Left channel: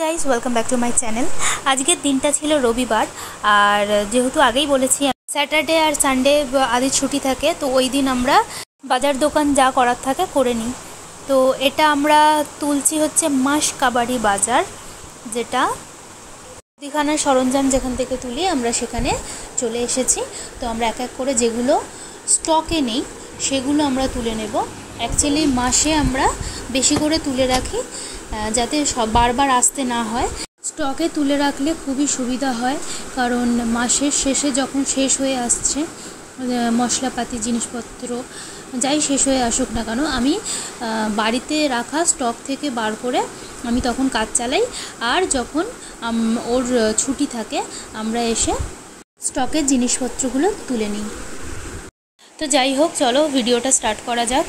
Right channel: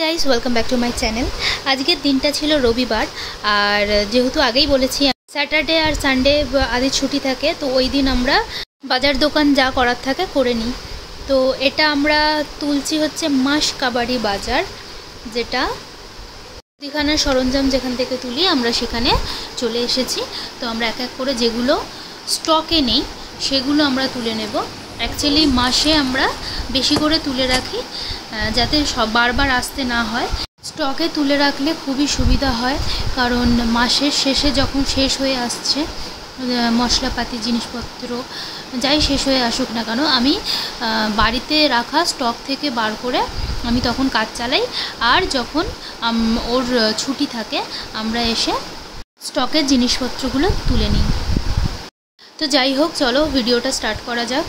Guys welcome back to my channel. আজকের দিনটা ছিল রবিবার, আর যেহেতু আগেই বলেছি স্যাটারডে আর সানডে আদি ছুটি থাকে, তো ওই দিন আমরা বাজার দোকান যা করার থাকে করে নিই। তো এটা আমরা তুলছি হচ্ছে মাসকাবাড়ি বাজার, যেটা মুদিখানার সরঞ্জাম যেখান থেকে তুলি আমরা সেখানে চলে এসেছি। তো আমরা এক এক করে যেগুলো স্টকে নেই সেগুলো আমরা তুলে নেব। অ্যাকচুয়ালি মাসে আমরা বেশি করে তুলে রাখি যাতে সব বারবার আসতে না হয়। স্টকে তুলে রাখলে খুবই সুবিধা হয়, কারণ মাসের শেষে যখন শেষ হয়ে আসছে মশলাপাতি জিনিসপত্র যাই শেষ হয়ে আসুক না কেন, আমি বাড়িতে রাখা স্টক থেকে বার করে আমি তখন কাজ চালাই, আর যখন ওর ছুটি থাকে আমরা এসে স্টকের জিনিসপত্রগুলো তুলে নিই। তো যাই হোক, চলো ভিডিওটা স্টার্ট করা যাক।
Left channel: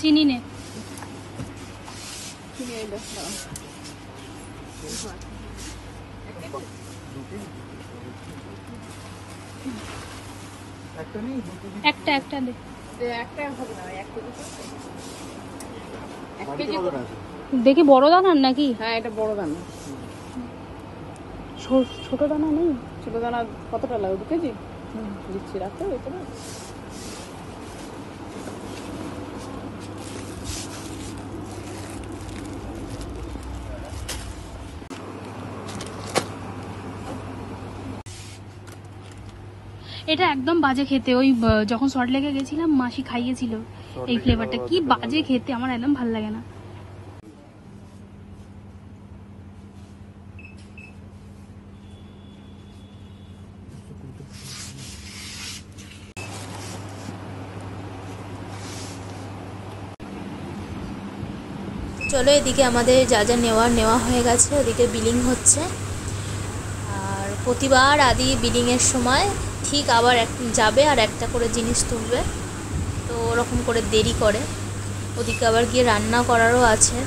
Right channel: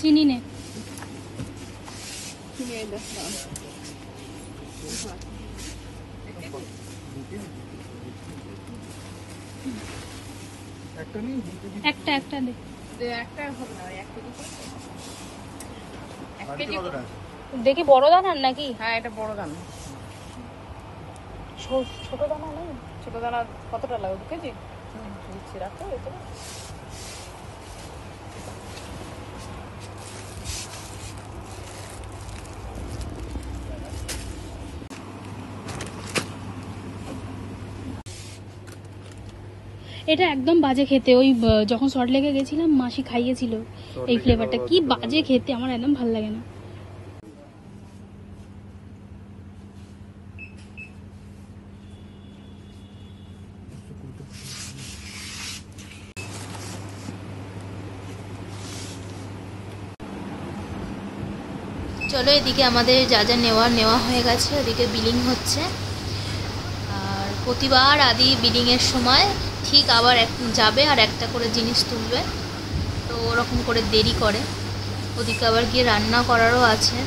চিনি নে একটা একটা দেখি বড় দানার নাকি? হ্যাঁ, এটা বড় দানা। ছোট দানা নেই? ছোট দানা কতটা লাগবে কেজি? দিচ্ছি, রাখো। এটা একদম বাজে খেতে। ওই যখন শর্ট লেগে গেছিলাম মাসি খাইয়েছিল এই ফ্লেভারটা, কি বাজে খেতে, আমার একদম ভালো লাগে না। চলো, এদিকে আমাদের যা যা নেওয়া হয়ে গেছে, ওদিকে বিলিং হচ্ছে। আর প্রতিবার আদি বিলিংয়ের সময় ঠিক আবার যাবে আর একটা করে জিনিস তুলবে, তো ওরকম করে দেরি করে। ওদিকে আবার গিয়ে রান্না করারও আছে।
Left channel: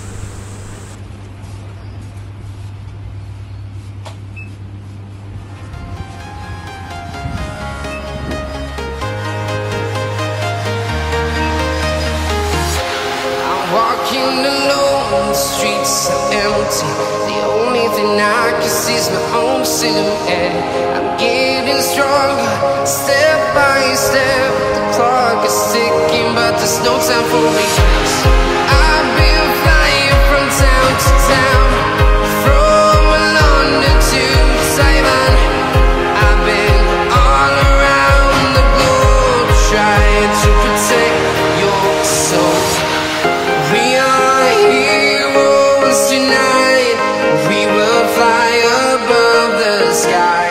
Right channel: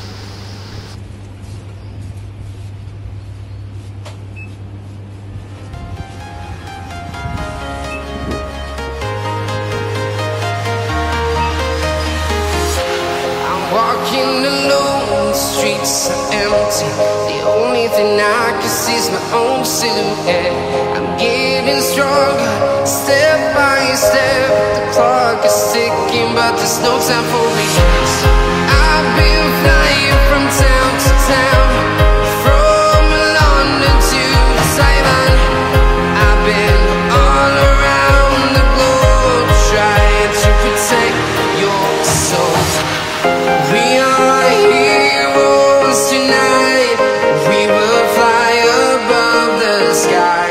Walking alone, the streets are empty. The only thing I can see is my own silhouette. I'm getting stronger, step by step. The clock is ticking, but there's no time for regrets. I've been flying from town to town, from London to Taiwan. I've been all around the globe, trying to protect your soul. We are heroes tonight. We will fly above the sky.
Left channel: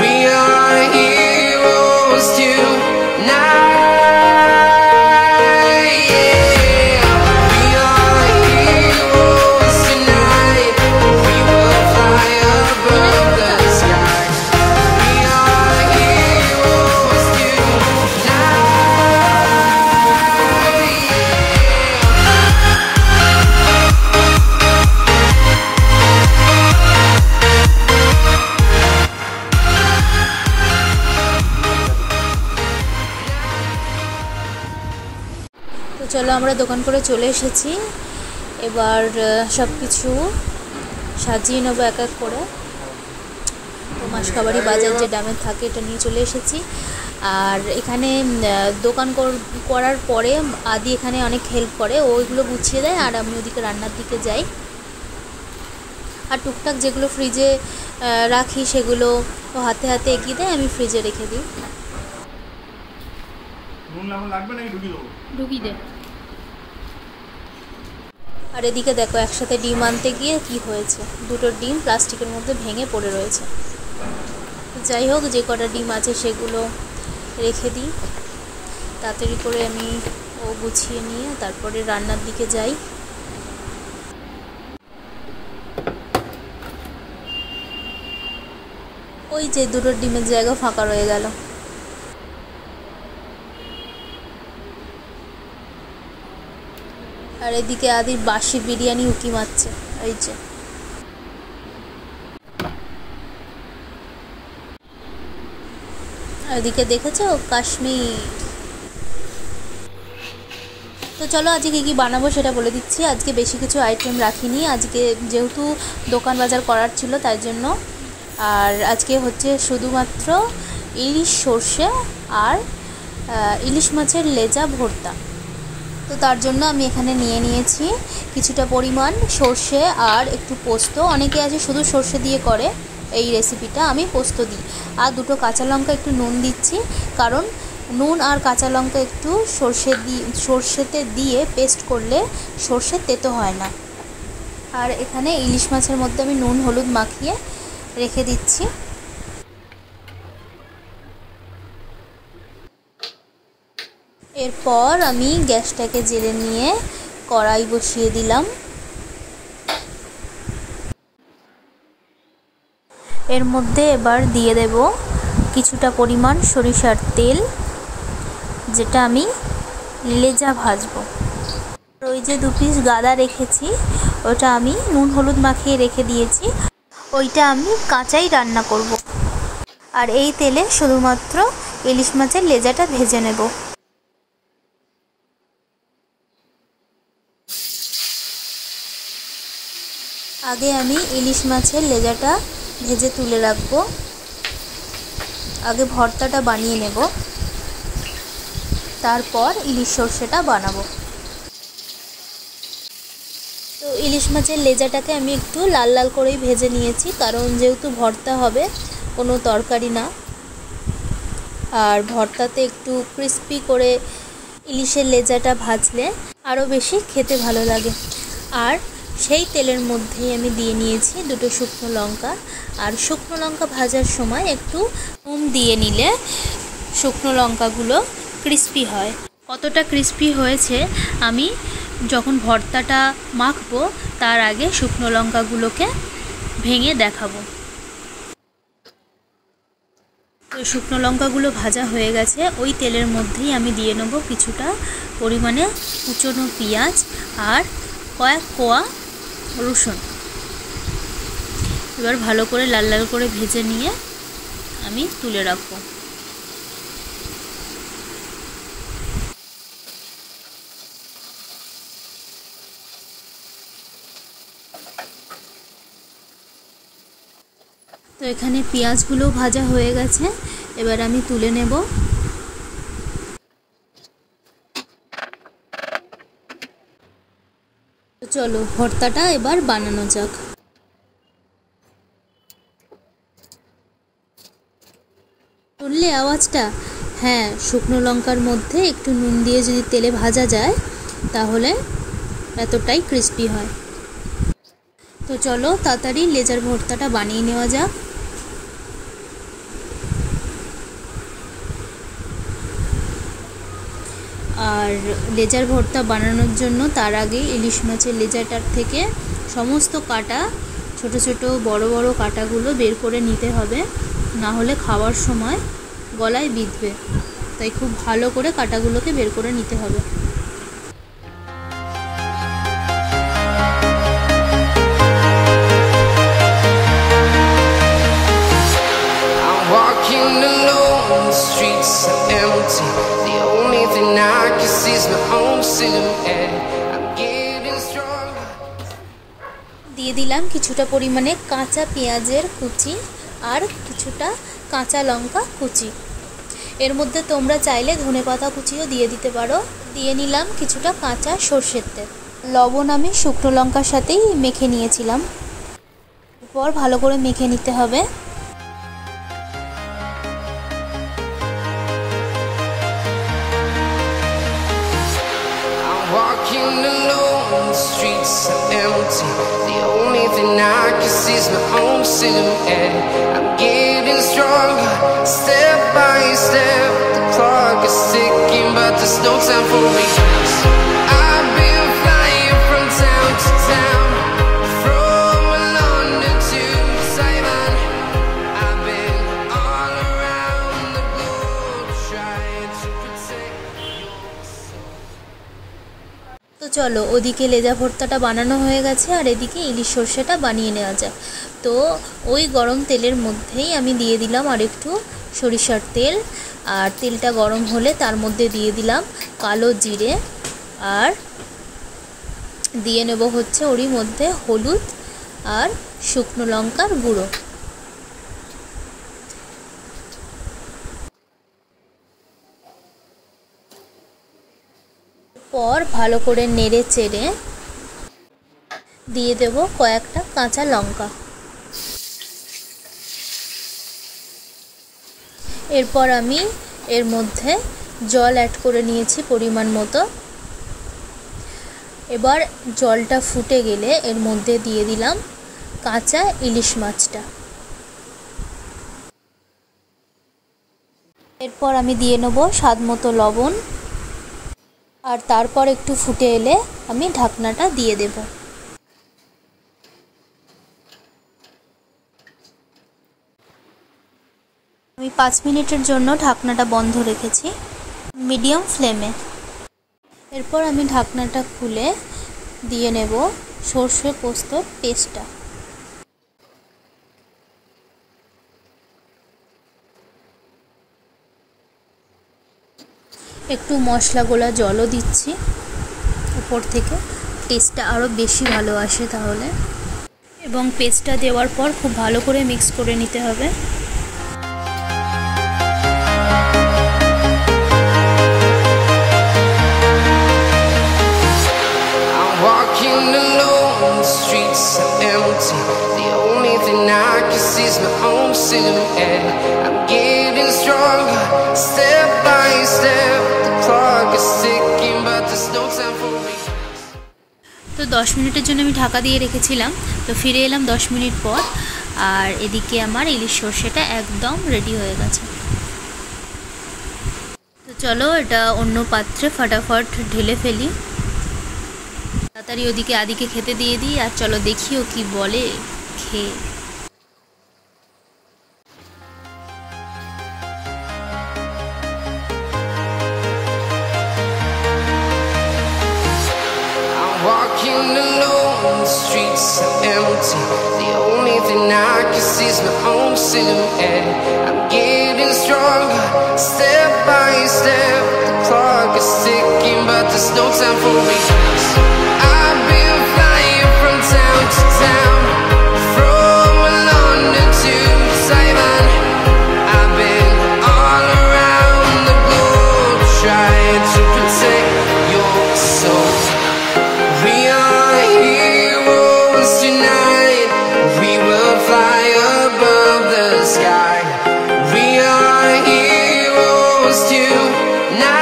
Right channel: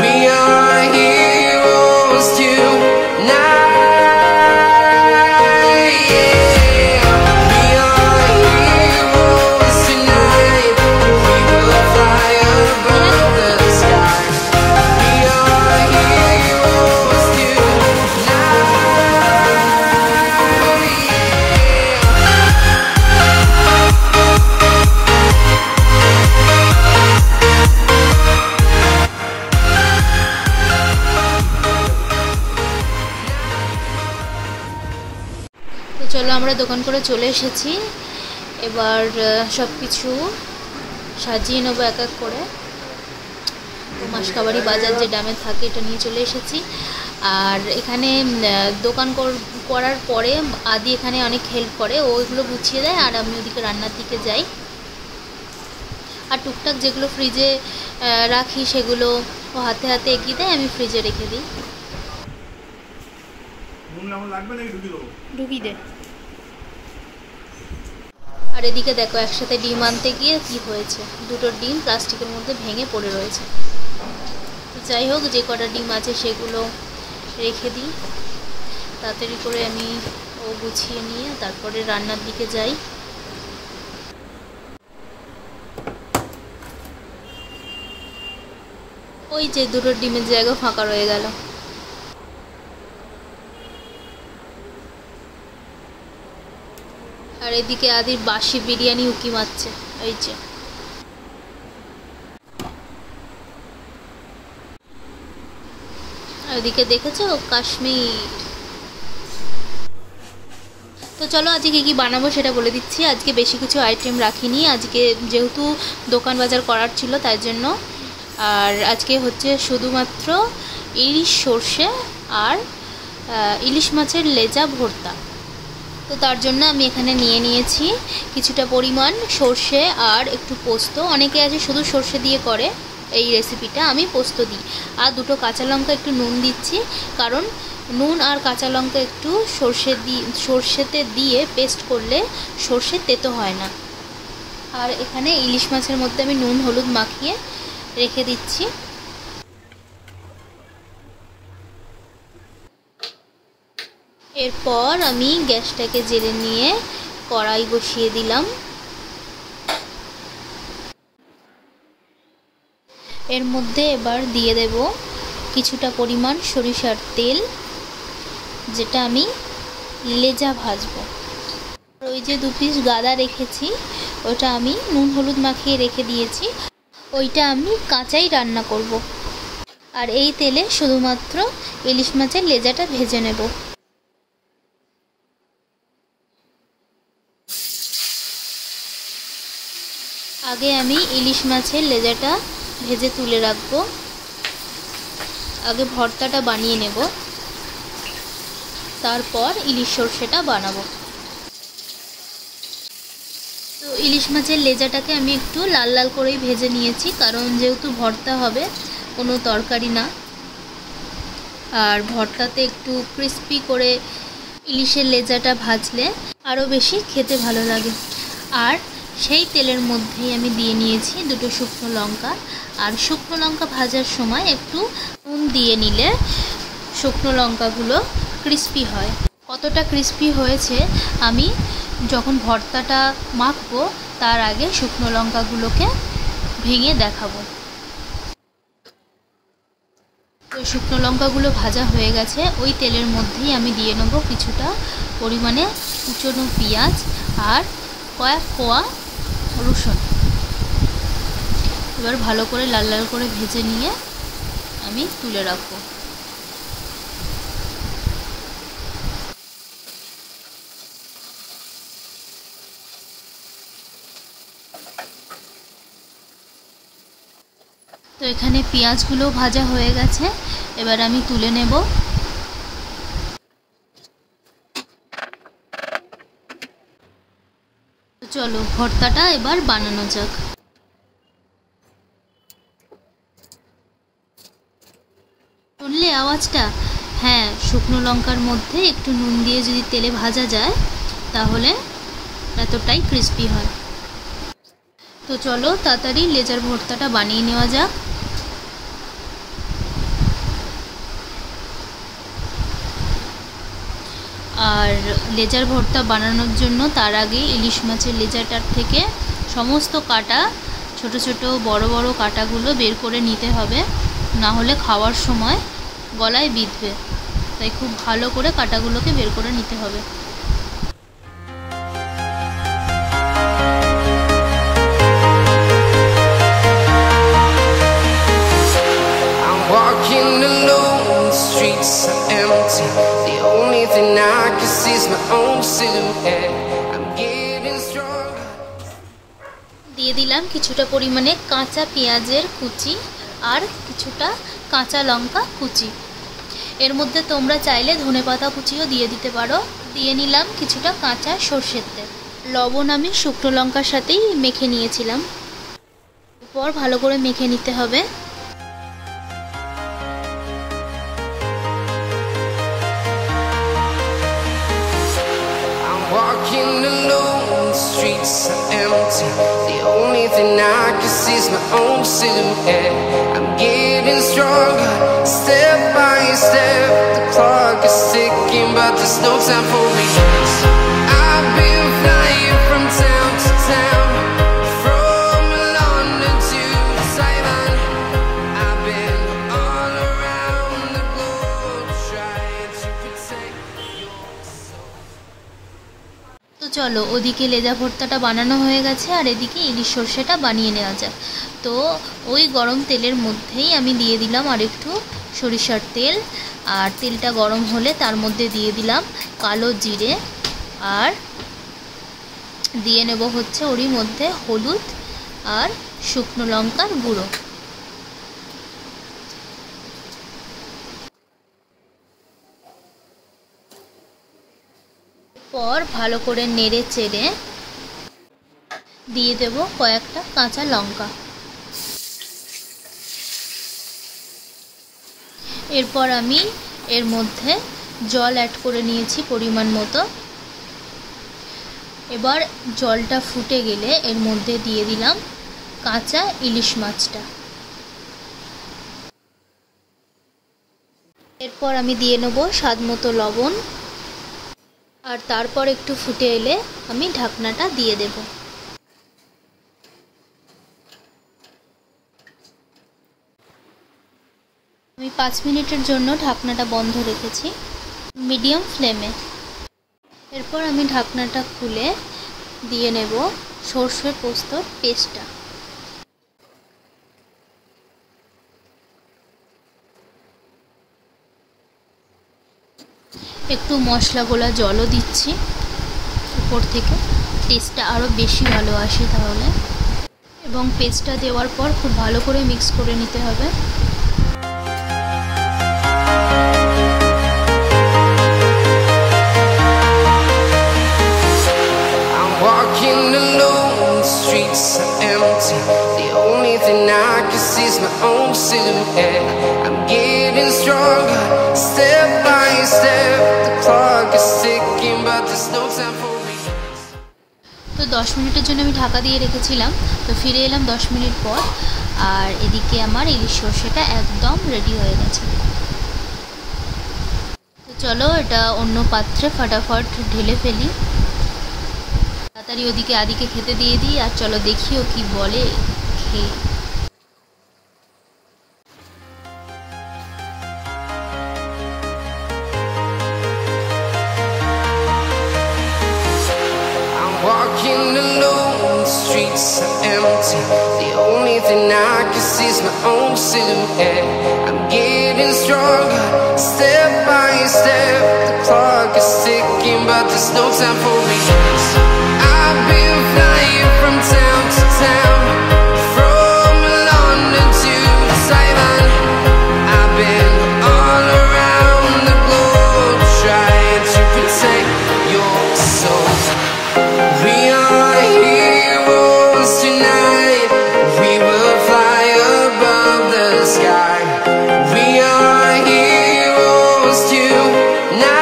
We are heroes tonight. Yeah. We are heroes tonight. We will fly above the sky. We are heroes tonight. তো চলো, আমরা দোকান করে চলে এসেছি। এবার সব কিছু সাজিয়ে নেবো এক এক করে। তো মাসকাবাড়ি বাজার যে ডামে থাকে এটা নিয়ে চলে এসেছি। আর এখানে দোকান করার পরে আদি এখানে অনেক হেল্প করে, ওইগুলো গুছিয়ে দেয়, আর আমি ওদিকে রান্নার দিকে যাই। আর টুকটাক যেগুলো ফ্রিজে রাখি সেগুলো ও হাতে হাতে এগিয়ে দেয়, আমি ফ্রিজে রেখে দিই। ঢুকিয়ে দে। আর এদিকে দেখো একসাথে ডিম আনতে গিয়ে কি হয়েছে, দুটো ডিম প্লাস্টিকের মধ্যে ভেঙে পড়ে রয়েছে। যাই হোক, যে কটা ডিম আছে সেগুলো রেখে দিই, তাড়াতাড়ি করে আমি গুছিয়ে নিয়ে তারপরে রান্নার দিকে যাই। ওই যে দুটো ডিমের জায়গা ফাঁকা রয়ে গেল। আর এদিকে আদির বাসি বিরিয়ানি উকি মারছে, এই যে। আর এদিকে দেখেছো কাশ্মীর। তো চলো আজকে কী বানাবো সেটা বলে দিচ্ছি। আজকে বেশি কিছু আইটেম রাখিনি, আজকে যেহেতু দোকান বাজার করার ছিল তাই জন্য। আর আজকে হচ্ছে শুধুমাত্র ইলিশ সর্ষে আর ইলিশ মাছের লেজা ভর্তা। তো তার জন্য আমি এখানে নিয়ে নিয়েছি কিছুটা পরিমাণ সর্ষে আর একটু পোস্ত। অনেকে আছে শুধু সর্ষে দিয়ে করে এই রেসিপিটা, আমি পোস্ত দিই। আর দুটো কাঁচা লঙ্কা, একটু নুন দিচ্ছি, কারণ নুন আর কাঁচা লঙ্কা একটু সর্ষেতে দিয়ে পেস্ট করলে সর্ষের তেতো হয় না। আর এখানে ইলিশ মাছের মধ্যে আমি নুন হলুদ মাখিয়ে রেখে দিচ্ছি। এরপর আমি গ্যাসটাকে জ্বেলে নিয়ে কড়াই বসিয়ে দিলাম। এর মধ্যে এবার দিয়ে দেব কিছুটা পরিমাণ সরিষার তেল, যেটা আমি লেজা ভাজবো। ওই যে 2 পিস গাদা রেখেছি ওটা আমি নুন হলুদ মাখিয়ে রেখে দিয়েছি, ওইটা আমি কাঁচাই রান্না করব। আর এই তেলে শুধুমাত্র ইলিশ মাছের লেজাটা ভেজে নেব। আগে আমি ইলিশ মাছের লেজাটা ভেজে তুলে রাখবো, আগে ভর্তাটা বানিয়ে নেব, তারপর ইলিশ সর্ষেটা বানাবো। তো ইলিশ মাছের লেজাটাকে আমি একটু লাল লাল করেই ভেজে নিয়েছি, কারণ যেহেতু ভর্তা হবে, কোনো তরকারি না। আর ভর্তাতে একটু ক্রিস্পি করে ইলিশের লেজাটা ভাজলে আরও বেশি খেতে ভালো লাগে। আর সেই তেলের মধ্যেই আমি দিয়ে নিয়েছি দুটো শুকনো লঙ্কা। আর শুকনো লঙ্কা ভাজার সময় একটু নুন দিয়ে নিলে শুকনো লঙ্কাগুলো ক্রিস্পি হয়। কতটা ক্রিস্পি হয়েছে আমি যখন ভর্তাটা মাখবো তার আগে শুকনো লঙ্কাগুলোকে ভেঙে দেখাবো। তো শুকনো লঙ্কাগুলো ভাজা হয়ে গেছে, ওই তেলের মধ্যেই আমি দিয়ে নেব কিছুটা পরিমাণে কুচনো পেঁয়াজ আর কয়েক কোয়া রসুন। এবার ভালো করে লাল লাল করে ভেজে নিয়ে আমি তুলে রাখবো। তো এখানে পেঁয়াজগুলো ভাজা হয়ে গেছে, এবার আমি তুলে নেব। তো চলো ভর্তাটা এবার বানানো যাক। শুনলে আওয়াজটা? হ্যাঁ, শুকনো লঙ্কার মধ্যে একটু নুন দিয়ে যদি তেলে ভাজা যায় তাহলে এতটাই ক্রিস্পি হয়। তো চলো তাড়াতাড়ি লেজার ভর্তাটা বানিয়ে নেওয়া যাক। আর লেজার ভর্তা বানানোর জন্য তার আগে ইলিশ মাছের লেজাটার থেকে সমস্ত কাটা, ছোট ছোট বড় বড় কাটাগুলো বের করে নিতে হবে, না হলে খাওয়ার সময় গলায় বিঁধবে। তাই খুব ভালো করে কাটাগুলোকে বের করে নিতে হবে। Walking alone, the streets are empty. The only thing I can see is my own silhouette. I'm getting stronger. দিয়ে দিলাম কিছুটা পরিমাণে কাঁচা পেঁয়াজের কুচি আর কিছুটা কাঁচা লঙ্কা কুচি। এর মধ্যে তোমরা চাইলে ধনেপাতা কুচিও দিয়ে দিতে পারো। দিয়ে নিলাম কিছুটা কাঁচা সর্ষের তেল। লবণ আমি শুকনো লঙ্কার সাথেই মেখে নিয়েছিলাম। এরপর ভালো করে মেখে নিতে হবে। walking alone, the streets are empty. The only thing I can see is my own silhouette. I'm getting stronger, step by step. The clock is ticking, but there's no time for regrets. I've been flying from town to town, from London to Taiwan. I've been all around the globe trying to protect your soul. তো চলো, ওদিকে লেজা ভর্তাটা বানানো হয়ে গেছে আর এদিকে ইলিশ সর্ষেটা বানিয়ে নেওয়া যাক। তো ওই গরম তেলের মধ্যেই আমি দিয়ে দিলাম আর একটু সরিষার তেল, আর তেলটা গরম হলে তার মধ্যে দিয়ে দিলাম কালো জিরে, আর দিয়ে নেব হচ্ছে ওরই মধ্যে হলুদ আর শুকনো লঙ্কার গুঁড়ো। পর ভালো করে নেড়ে চেড়ে দিয়ে দেব কয়েকটা কাঁচা লঙ্কা। এরপর আমি এর মধ্যে জল অ্যাড করে নিয়েছি পরিমাণ মতো। এবার জলটা ফুটে গেলে এর মধ্যে দিয়ে দিলাম কাঁচা ইলিশ মাছটা। এরপর আমি দিয়ে নেব স্বাদ মতো লবণ, আর তারপর একটু ফুটে এলে আমি ঢাকনাটা দিয়ে দেব। আমি 5 মিনিটের জন্য ঢাকনাটা বন্ধ রেখেছি মিডিয়াম ফ্লেমে। এরপর আমি ঢাকনাটা খুলে দিয়ে নেব সর্ষে পোস্তর পেস্টটা। একটু মশলা গোলা জলও দিচ্ছি উপর থেকে, টেস্টটা আরও বেশি ভালো আসে তাহলে। এবং পেস্টটা দেওয়ার পর খুব ভালো করে মিক্স করে নিতে হবে। Walking alone, the streets are empty. The only thing I can see is my own silhouette. I'm getting stronger, step by step. The clock is ticking, but there's no time for regrets. তো 10 মিনিটের জন্য আমি ঢাকা দিয়ে রেখেছিলাম। তো ফিরে এলাম 10 minute পর, আর এদিকে আমার ইলিশ সর্ষেটা একদম রেডি হয়ে গেছে। তো চলো এটা অন্য পাত্রে ফটাফট ঢেলে ফেলি, তাড়াতাড়ি ওদিকে আদিকে খেতে দিয়ে দিই, আর চলো দেখিও কি বলে খেয়ে। Walking alone, the streets are empty. The only thing I can see is my own silhouette. I'm getting stronger, step by step. The clock is ticking, but there's no time for regrets. I've been flying from town to town, from London to Taiwan. I've been all around the globe trying to protect your soul. We are heroes tonight. We will fly above the sky. We are heroes tonight.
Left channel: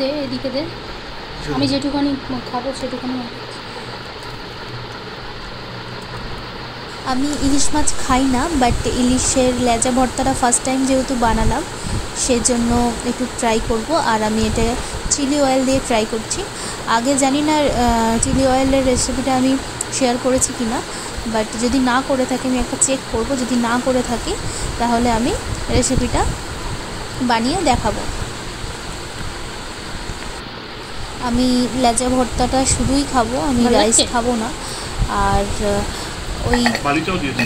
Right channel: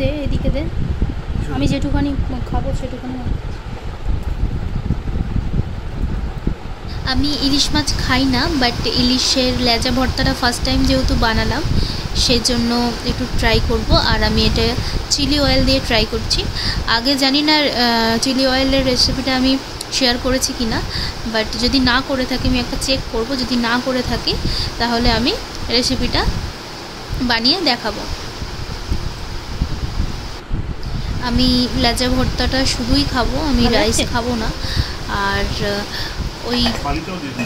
দে এদিকে দে, আমি যেটুখানি খাবো সেটুখানি। আমি ইলিশ মাছ খাই না, but ইলিশের লেজা ভর্তাটা first time যেহেতু বানালাম সেজন্য একটু ট্রাই করব। আর আমি এটা চিলি অয়েল দিয়ে ট্রাই করছি। আগে জানি না চিলি অয়েলের রেসিপিটা আমি শেয়ার করেছি কি না, বাট যদি না করে থাকি আমি একটা চেক করব। যদি না করে থাকি তাহলে আমি রেসিপিটা বানিয়ে দেখাবো। আমি লেজা ভর্তাটা শুধুই খাবো, আমি রাইস খাবো না। আর ওই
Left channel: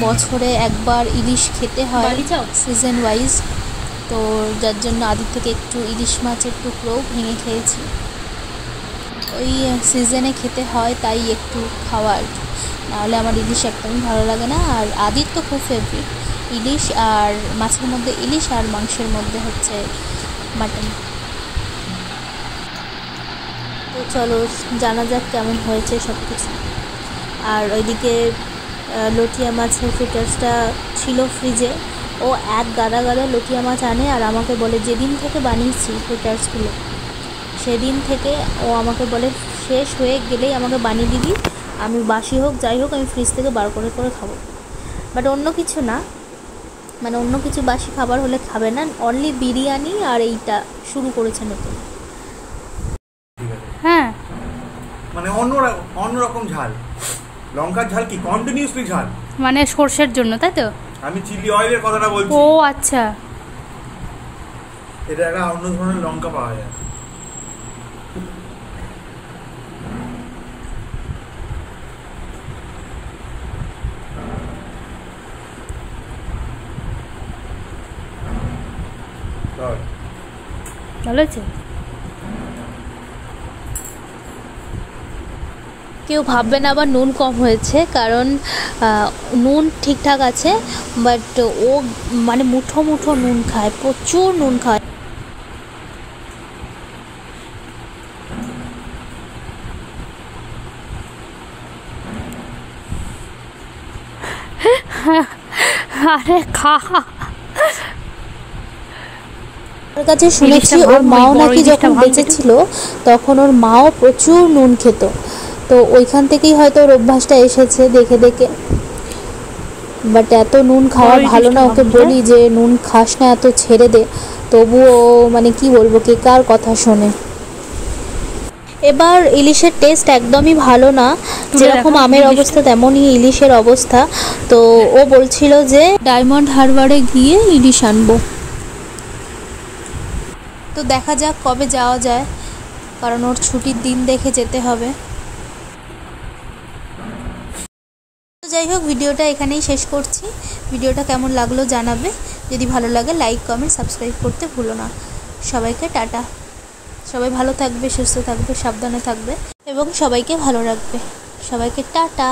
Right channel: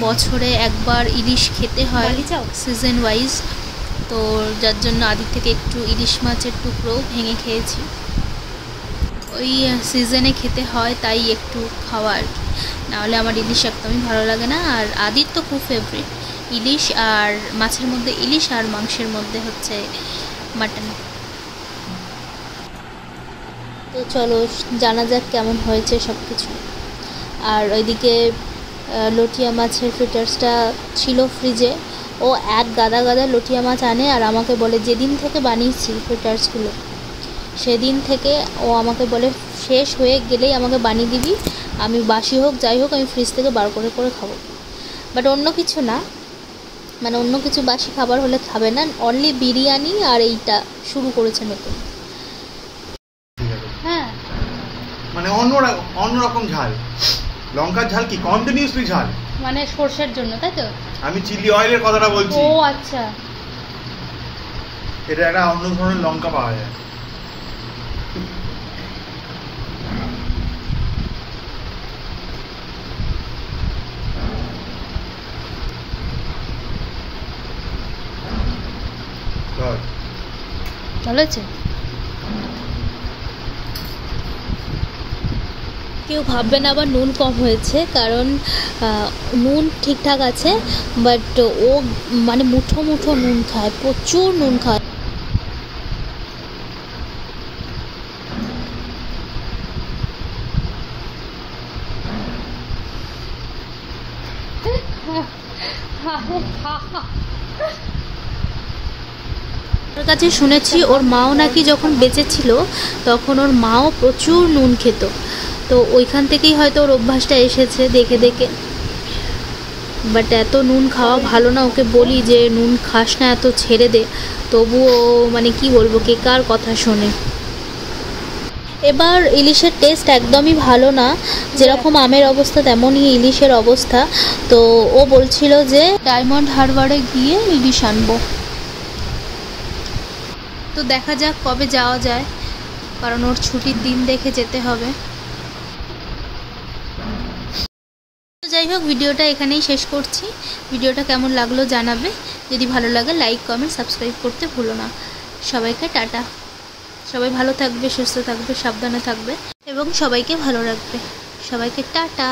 বছরে একবার ইলিশ খেতে হয় সিজন ওয়াইজ, তো যার জন্য আদি থেকে একটু ইলিশ মাছের টুকরোও ভেঙে খেয়েছি। ওই সিজনে খেতে হয় তাই একটু খাওয়া আর কি, নাহলে আমার ইলিশ একদমই ভালো লাগে না। আর আদির তো খুব ফেভারিট ইলিশ, আর মাছের মধ্যে ইলিশ আর মাংসের মধ্যে হচ্ছে মাটন। তো চলো জানা যাক কেমন হয়েছে সব কিছু। আর ওইদিকে লটিয়া মাছের ফ্রিটার্সটা ছিল ফ্রিজে, ও এক গাদা গাদা লটিয়া মাছ আনে আর আমাকে বলে যেদিন থেকে বানিয়েছি ফ্রিটার্সগুলো সেদিন থেকে ও আমাকে বলে শেষ হয়ে গেলেই আমাকে বানিয়ে দিবি, আমি বাসি হোক যাই হোক আমি ফ্রিজ থেকে বার করে করে খাবো। বাট অন্য কিছু না, মানে অন্য কিছু বাসি খাবার হলে খাবে না, অনলি বিরিয়ানি আর এইটা শুরু করেছে নতুন। হ্যাঁ মানে অন্যরকম ঝাল, লঙ্কার ঝাল কি কন্টিনিউসলি ঝাল, মানে সর্ষের জন্য, তাই তো? আমি চিলি অয়েলের কথাটা বলছি। ও আচ্ছা, এটা একটা অন্য ধরনের লঙ্কা পাওয়া যায়। ভালো আছে। কেউ ভাববেন আবার নুন কম হয়েছে, কারণ নুন ঠিকঠাক আছে, বাট ও মানে মুঠো মুঠো নুন খায়, প্রচুর নুন খায়। আরে খা, ওর কাছে শুনেছি ওর মাও নাকি যখন বেঁচে ছিল তখন ওর মাও প্রচুর নুন খেত, তো ওইখান থেকেই হয়তো ওর অভ্যাসটা এসেছে দেখে দেখে। বাট এত নুন খাওয়া ভালো না, ওকে বলি যে নুন খাস না, এত ছেড়ে দে, তবুও মানে কি বলবো, কে কার কথা শোনে। এবার ইলিশের টেস্ট একদমই ভালো না, যেরকম আমের অবস্থা তেমনই ইলিশের অবস্থা। তো ও বলছিল যে ডায়মন্ড হারবারে গিয়ে ইলিশ আনবো। তো দেখা যাক কবে যাওয়া যায়, কারণ ওর ছুটির দিন দেখে যেতে হবে। তো যাই হোক, ভিডিওটা এখানেই শেষ করছি। ভিডিওটা কেমন লাগলো জানাবে, যদি ভালো লাগে লাইক কমেন্ট সাবস্ক্রাইব করতে ভুলো না। সবাইকে টাটা, সবাই ভালো থাকবে, সুস্থ থাকবে, সাবধানে থাকবে এবং সবাইকে ভালো রাখবে। সবাইকে টাটা।